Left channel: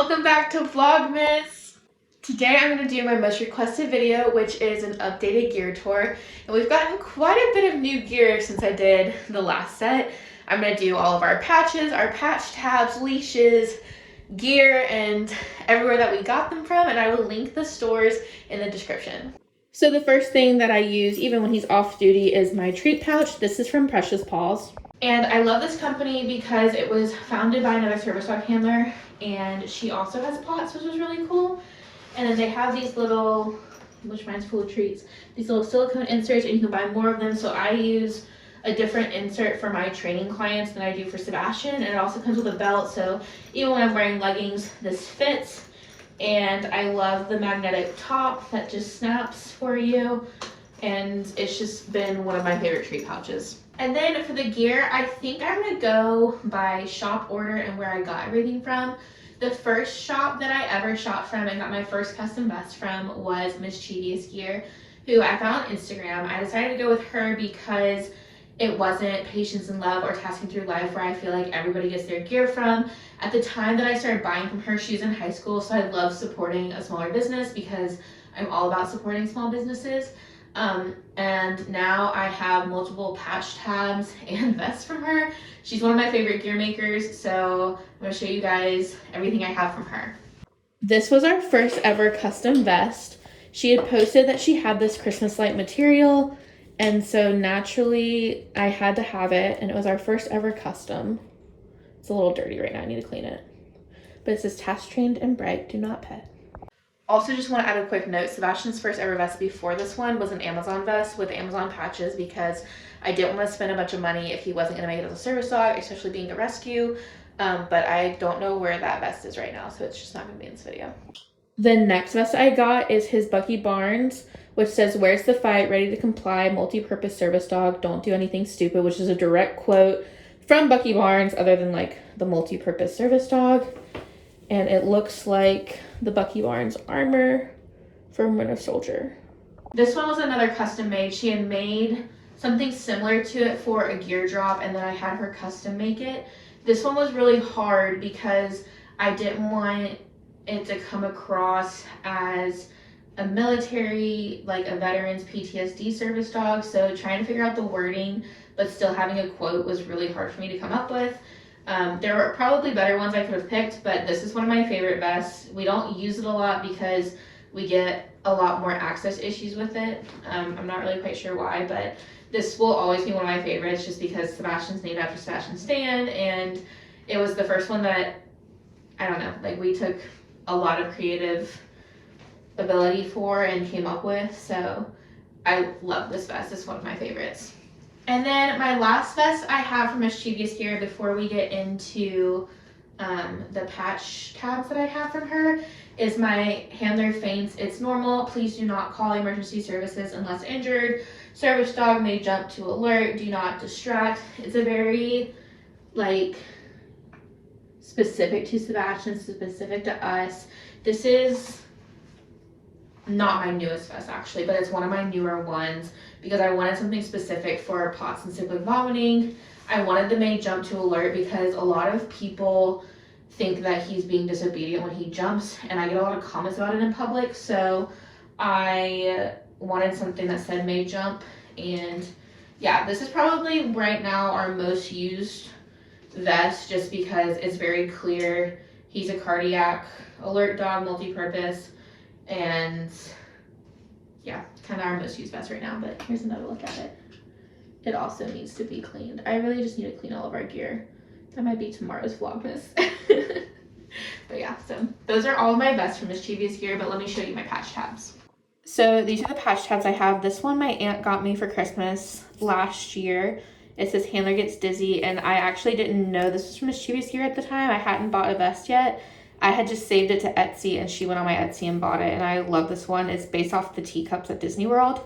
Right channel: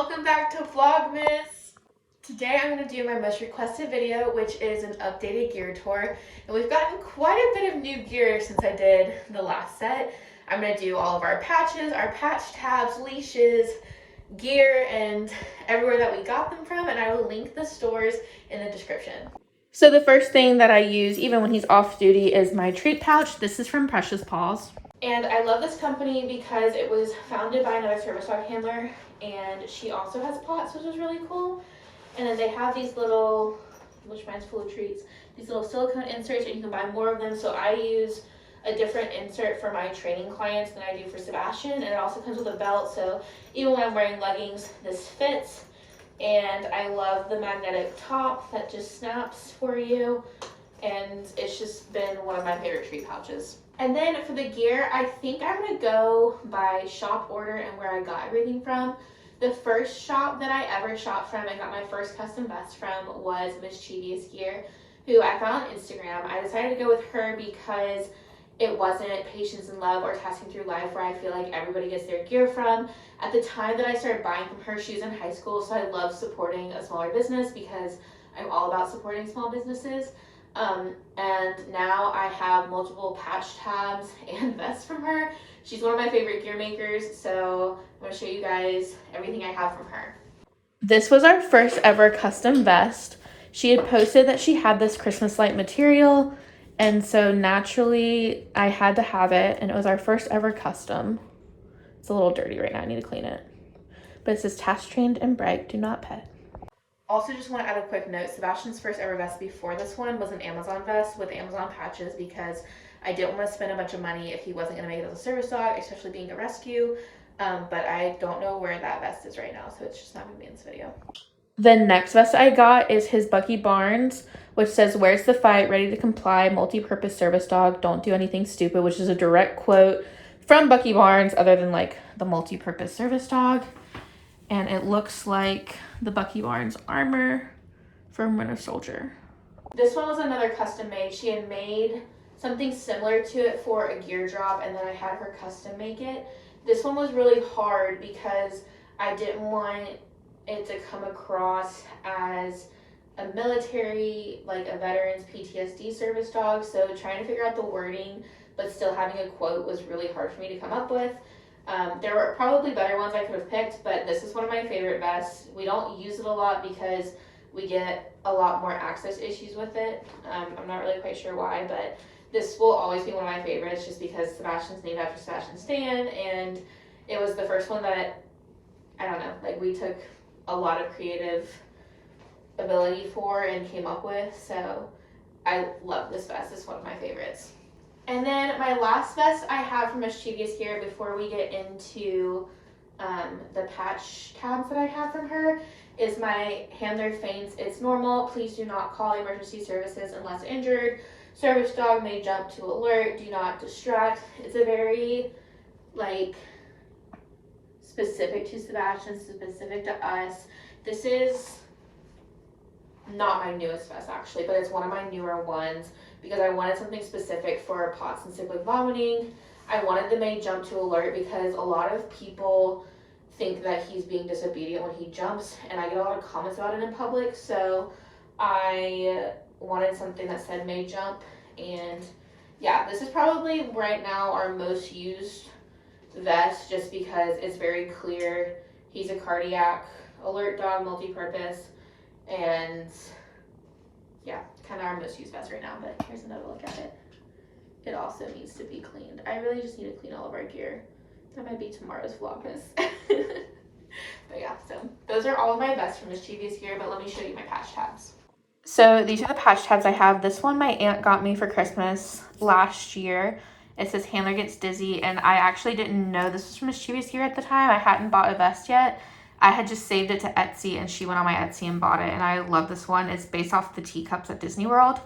Welcome back to Vlogmas. Today I'm going to do my most requested video, which is an updated gear tour. And we've gotten quite a bit of new gear since I did the last set. I'm going to do all of our patches, our patch tabs, leashes, gear, and everywhere that we got them from. And I will link the stores in the description. So the first thing that I use, even when he's off duty, is my treat pouch. This is from Precious Paws. And I love this company because it was founded by another service dog handler, and she also has pots, which is really cool. And then they have these little, which mine's full of treats, these little silicone inserts, and you can buy more of them. So I use a different insert for my training clients than I do for Sebastian, and it also comes with a belt, so even when I'm wearing leggings, this fits. And I love the magnetic top that just snaps for you, and it's just been one of my favorite treat pouches. And then for the gear, I think I'm gonna go by shop order and where I got everything from. The first shop that I ever shopped from and got my first custom vest from was Mischievous Gear, who I found on Instagram. I decided to go with her because it wasn't Patience and Love or Tasking Through Life, where I feel like everybody gets their gear from. At the time that I started buying from her, she was in high school, so I love supporting a smaller business because I'm all about supporting small businesses. And now I have multiple patch tabs and vests from her. She's one of my favorite gear makers, so I'm going to show you guys everything I have from her. This was our first ever custom vest. She had posted that she had this Christmas light material, and so naturally I had to have it, and it was our first ever custom. It's a little dirty right now, I need to clean it. But it says task trained and bright, do not pet. Also, just want to add a quick note, Sebastian's first ever vest before this one was an Amazon vest with Amazon patches because I didn't want to spend a bunch of money if he wasn't going to make it as a service dog, especially being a rescue. But I don't know where that vest is right now, so it's just not going to be in this video. The next vest I got is his Bucky Barnes, which says, "Where's the fight? Ready to comply, multi-purpose service dog. Don't do anything stupid," which is a direct quote from Bucky Barnes, other than like the multi-purpose service dog. And it looks like the Bucky Barnes armor from Winter Soldier. This one was another custom made. She had made something similar to it for a gear drop, and then I had her custom make it. This one was really hard because I didn't want it to come across as a military, like a veteran's PTSD service dog. So trying to figure out the wording, but still having a quote was really hard for me to come up with. There were probably better ones I could have picked, but this is one of my favorite vests. We don't use it a lot because we get a lot more access issues with it. I'm not really quite sure why, but this will always be one of my favorites just because Sebastian's named after Sebastian Stan, and it was the first one that, I don't know, like we took a lot of creative ability for and came up with, so I love this vest. It's one of my favorites. And then my last vest I have from Mischievous Gear before we get into the patch tabs that I have from her is my handler faints. It's normal. Please do not call emergency services unless injured. Service dog may jump to alert. Do not distract. It's a very like specific to Sebastian, specific to us. This is not my newest vest actually, but it's one of my newer ones because I wanted something specific for POTS and cyclic vomiting. I wanted the may jump to alert because a lot of people think that he's being disobedient when he jumps, and I get a lot of comments about it in public, so I wanted something that said may jump. And yeah, this is probably right now our most used vest just because it's very clear he's a cardiac alert dog, multi-purpose, and yeah, kind of our most used vest right now. But here's another look at it. It also needs to be cleaned. I really just need to clean all of our gear. That might be tomorrow's Vlogmas. But yeah, so those are all of my vests from Mischievous Gear, but let me show you my patch tabs. So these are the patch tabs I have. This one my aunt got me for Christmas last year. It says handler gets dizzy, and I actually didn't know this was from Mischievous Gear at the time. I hadn't bought a vest yet. I had just saved it to Etsy, and she went on my Etsy and bought it, and I love this one. It's based off the teacups at Disney World.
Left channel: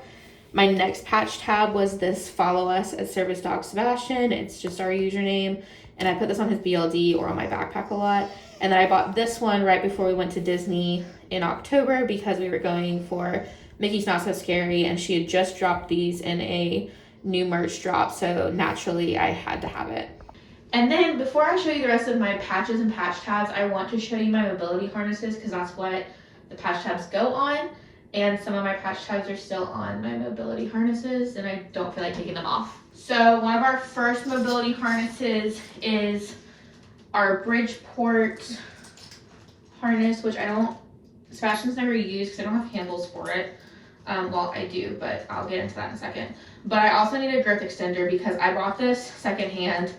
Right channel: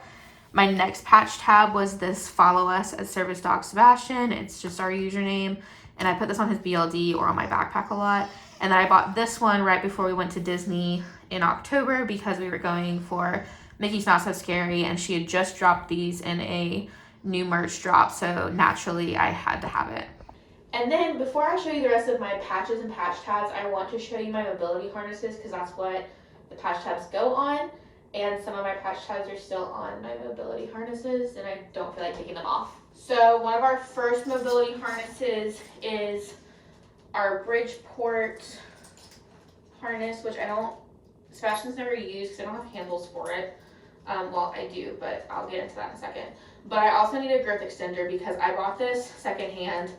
My next patch tab was this Follow Us as Service Dog Sebastian. It's just our username, and I put this on his BLD or on my backpack a lot. And then I bought this one right before we went to Disney in October because we were going for Mickey's Not So Scary, and she had just dropped these in a new merch drop, so naturally I had to have it. And then before I show you the rest of my patches and patch tabs, I want to show you my mobility harnesses because that's what the patch tabs go on. And some of my patch tabs are still on my mobility harnesses and I don't feel like taking them off. So one of our first mobility harnesses is our Bridgeport harness, which Sebastian's never used because I don't have handles for it. Well, I do, but I'll get into that in a second. But I also need a girth extender because I bought this secondhand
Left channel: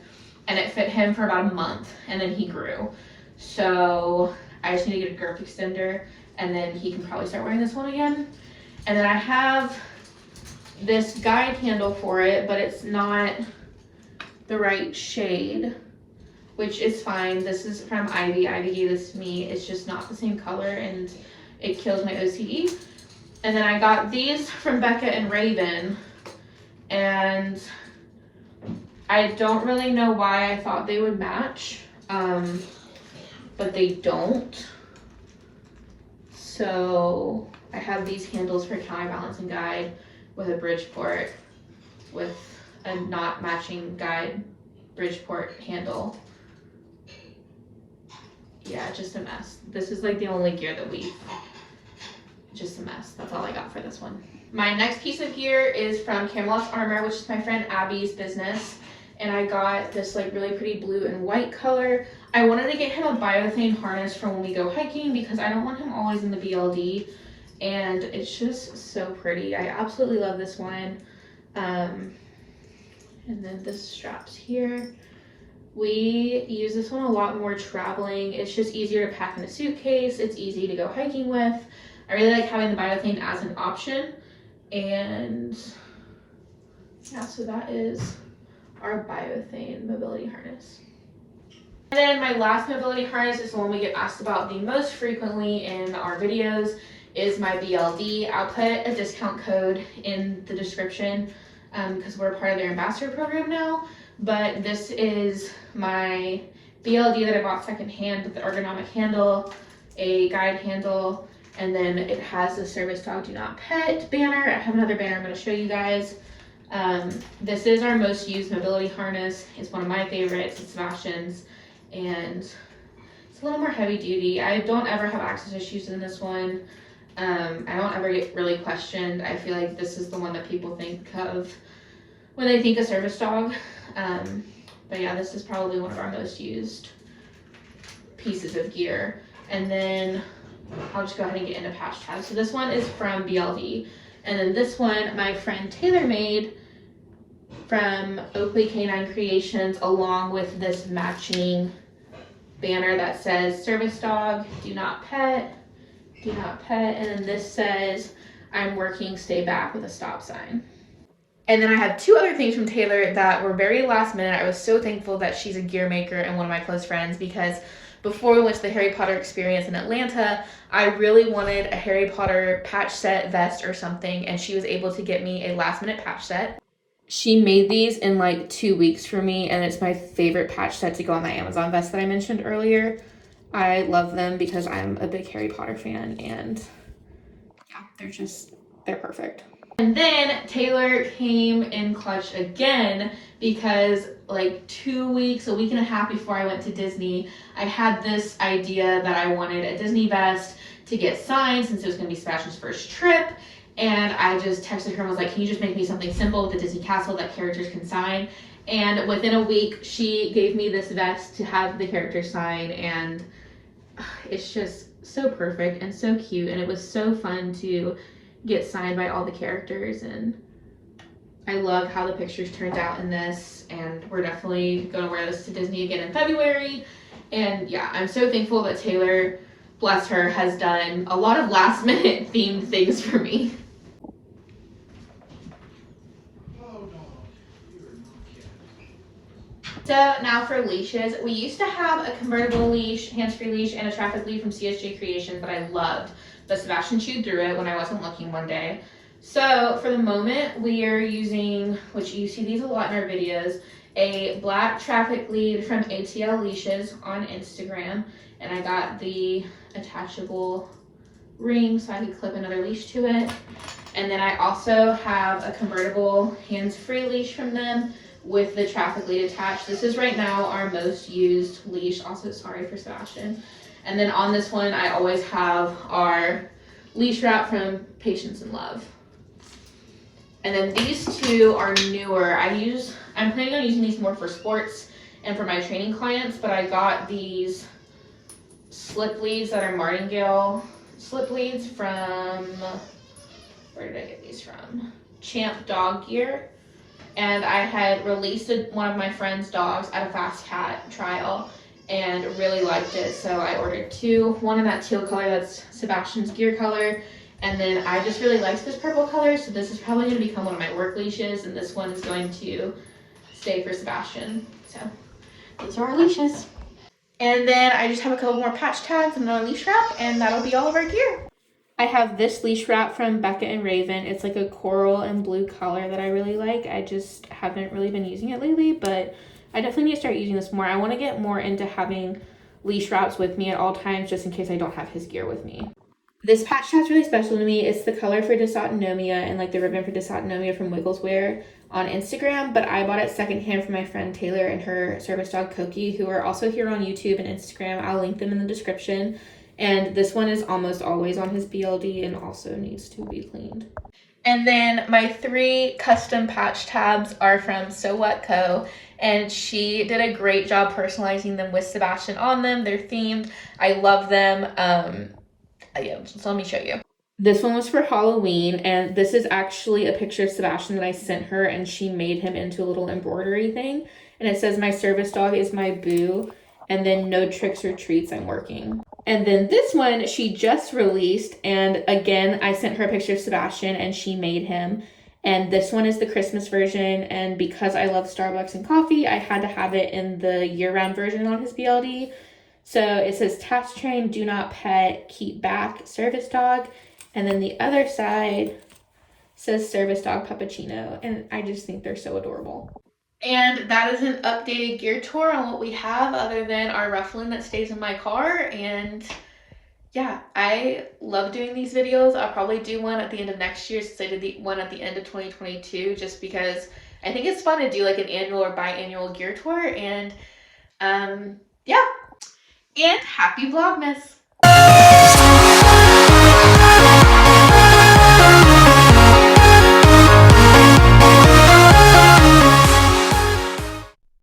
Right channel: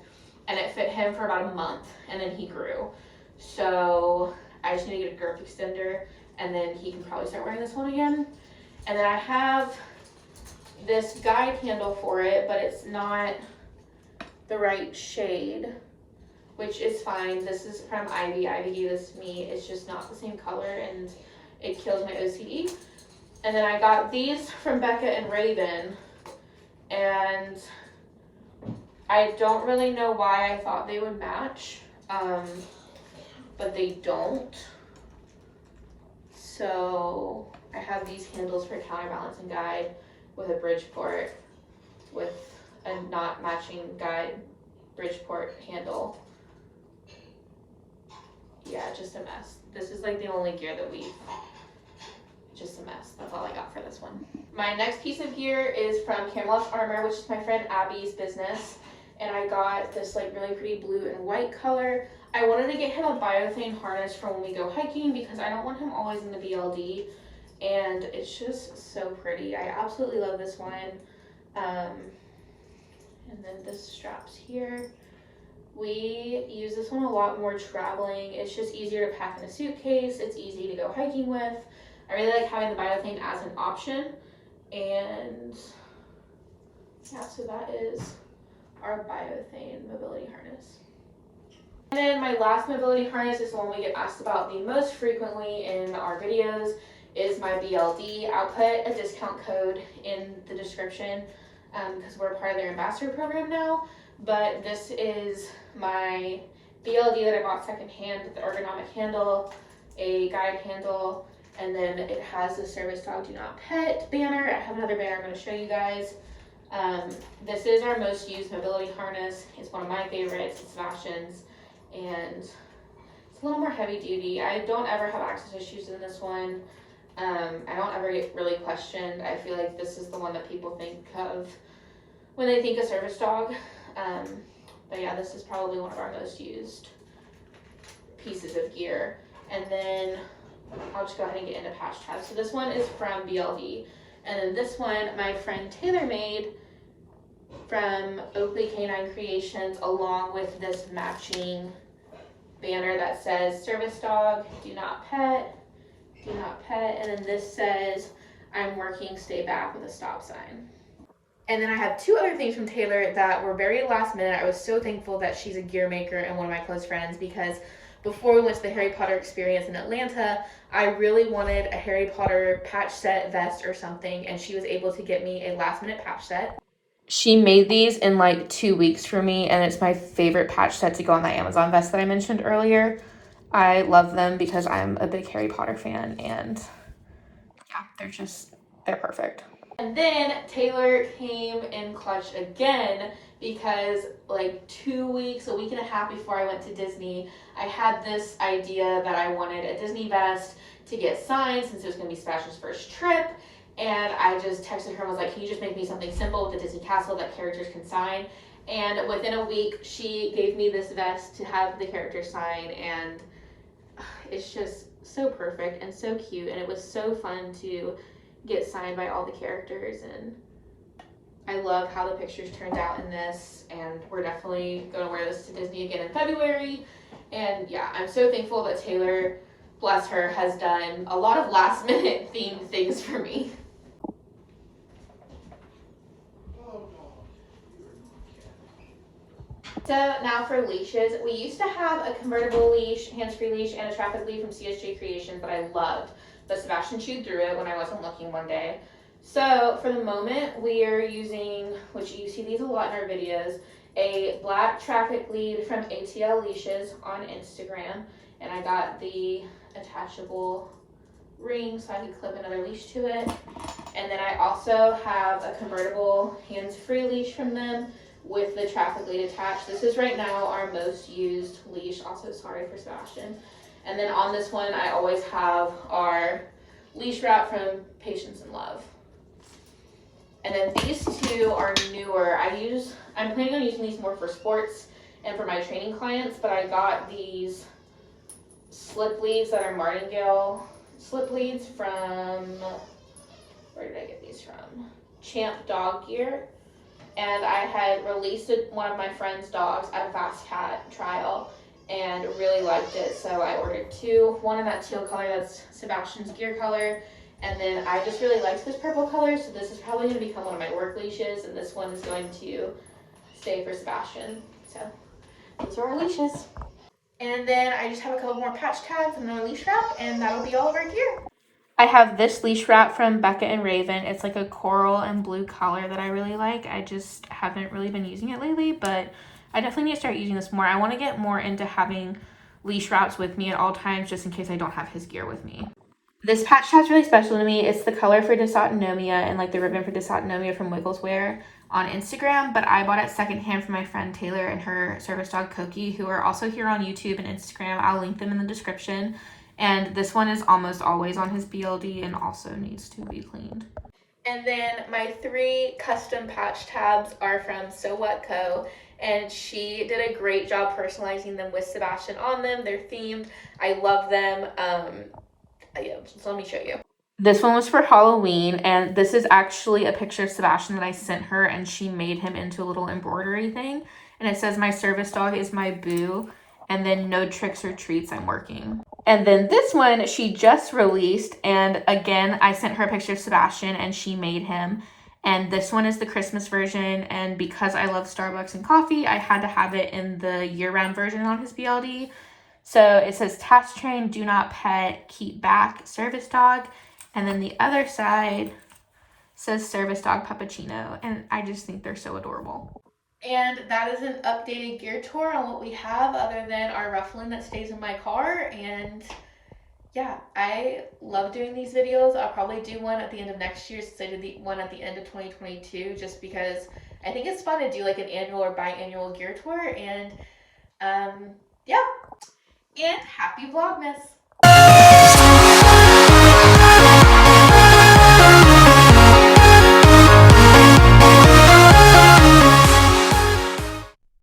and it fit him for about a month and then he grew. So I just need to get a girth extender and then he can probably start wearing this one again. And then I have this guide handle for it, but it's not the right shade, which is fine. This is from Ivy. Ivy gave this to me. It's just not the same color and it kills my OCD. And then I got these from Becca and Raven, and I don't really know why I thought they would match, but they don't. So I have these handles for counterbalancing guide with a Bridgeport with a not matching guide Bridgeport handle. Yeah, just a mess. This is like the only gear that just a mess. That's all I got for this one. My next piece of gear is from Camelot's Armor, which is my friend Abby's business. And I got this like really pretty blue and white color. I wanted to get him a biothane harness for when we go hiking because I don't want him always in the BLD. And it's just so pretty. I absolutely love this one. And then this straps here. We use this one a lot when we're traveling. It's just easier to pack in a suitcase. It's easy to go hiking with. I really like having the biothane as an option. And yeah, so that is our biothane mobility harness. And then my last mobility harness is the one we get asked about the most frequently in our videos, is my BLD. I'll put a discount code in the description because we're part of their ambassador program now. But this is my BLD that I bought secondhand with the ergonomic handle, a guide handle, and then it has the Service Dog Do Not Pet banner. I have another banner I'm going to show you guys. This is our most used mobility harness. It's one of my favorites. It's Sebastian's, and it's a little more heavy duty. I don't ever have access issues in this one. I don't ever get really questioned. I feel like this is the one that people think of when they think of service dog. But yeah, this is probably one of our most used pieces of gear. And then I'll just go ahead and get into patch tabs. So this one is from BLD. And then this one, my friend Taylor made from Oakley Canine Creations, along with this matching banner that says Service Dog, Do Not Pet, Do Not Pet. And then this says, I'm working, stay back, with a stop sign. And then I have two other things from Taylor that were very last minute. I was so thankful that she's a gear maker and one of my close friends, because before we went to the Harry Potter experience in Atlanta, I really wanted a Harry Potter patch set, vest, or something, and she was able to get me a last minute patch set. She made these in like 2 weeks for me, and it's my favorite patch set to go on my Amazon vest that I mentioned earlier. I love them because I'm a big Harry Potter fan, and yeah, they're perfect. And then Taylor came in clutch again because like 2 weeks, a week and a half before I went to Disney, I had this idea that I wanted a Disney vest to get signed since it was going to be Sebastian's first trip. And I just texted her and was like, can you just make me something simple with the Disney castle that characters can sign? And within a week, she gave me this vest to have the characters sign, and it's just so perfect and so cute, and it was so fun to get signed by all the characters, and I love how the pictures turned out in this, and we're definitely going to wear this to Disney again in February. And yeah, I'm so thankful that Taylor, bless her, has done a lot of last minute themed things for me. So now for leashes. We used to have a convertible leash, hands-free leash, and a traffic lead from CSJ Creations that I loved, but Sebastian chewed through it when I wasn't looking one day. So for the moment, we are using, which you see these a lot in our videos, a black traffic lead from ATL Leashes on Instagram, and I got the attachable ring so I could clip another leash to it. And then I also have a convertible hands-free leash from them, with the traffic lead attached. This is right now our most used leash. Also, sorry for Sebastian. And then on this one, I always have our leash wrap from Patience and Love. And then these two are newer. I'm planning on using these more for sports and for my training clients, but I got these slip leads that are martingale slip leads from, where did I get these from? Champ Dog Gear. And I had released one of my friend's dogs at a Fast Cat trial and really liked it. So I ordered two, one in that teal color, that's Sebastian's gear color. And then I just really liked this purple color. So this is probably going to become one of my work leashes. And this one is going to stay for Sebastian. So these are our leashes. And then I just have a couple more patch tags and another leash wrap, and that'll be all of our gear. I have this leash wrap from Becca and Raven. It's like a coral and blue color that I really like. I just haven't really been using it lately, but I definitely need to start using this more. I want to get more into having leash wraps with me at all times, just in case I don't have his gear with me. This patch tat's really special to me. It's the color for dysautonomia and like the ribbon for dysautonomia from Wiggleswear on Instagram, but I bought it secondhand from my friend Taylor and her service dog Koki, who are also here on YouTube and Instagram. I'll link them in the description. And this one is almost always on his BLD and also needs to be cleaned. And then my 3 custom patch tabs are from So What Co. And she did a great job personalizing them with Sebastian on them. They're themed. I love them. Yeah, so let me show you. This one was for Halloween, and this is actually a picture of Sebastian that I sent her, and she made him into a little embroidery thing. And it says, "My service dog is my boo," and then "No tricks or treats, I'm working." And then this one she just released, and again, I sent her a picture of Sebastian, and she made him. And this one is the Christmas version, and because I love Starbucks and coffee, I had to have it in the year-round version on his BLD. So it says task train, do not pet, keep back, service dog. And then the other side says service dog puppuccino. And I just think they're so adorable. And that is an updated gear tour on what we have other than our ruffling that stays in my car. And yeah, I love doing these videos. I'll probably do one at the end of next year since I did the one at the end of 2022, just because I think it's fun to do like an annual or biannual gear tour. And yeah. And happy Vlogmas!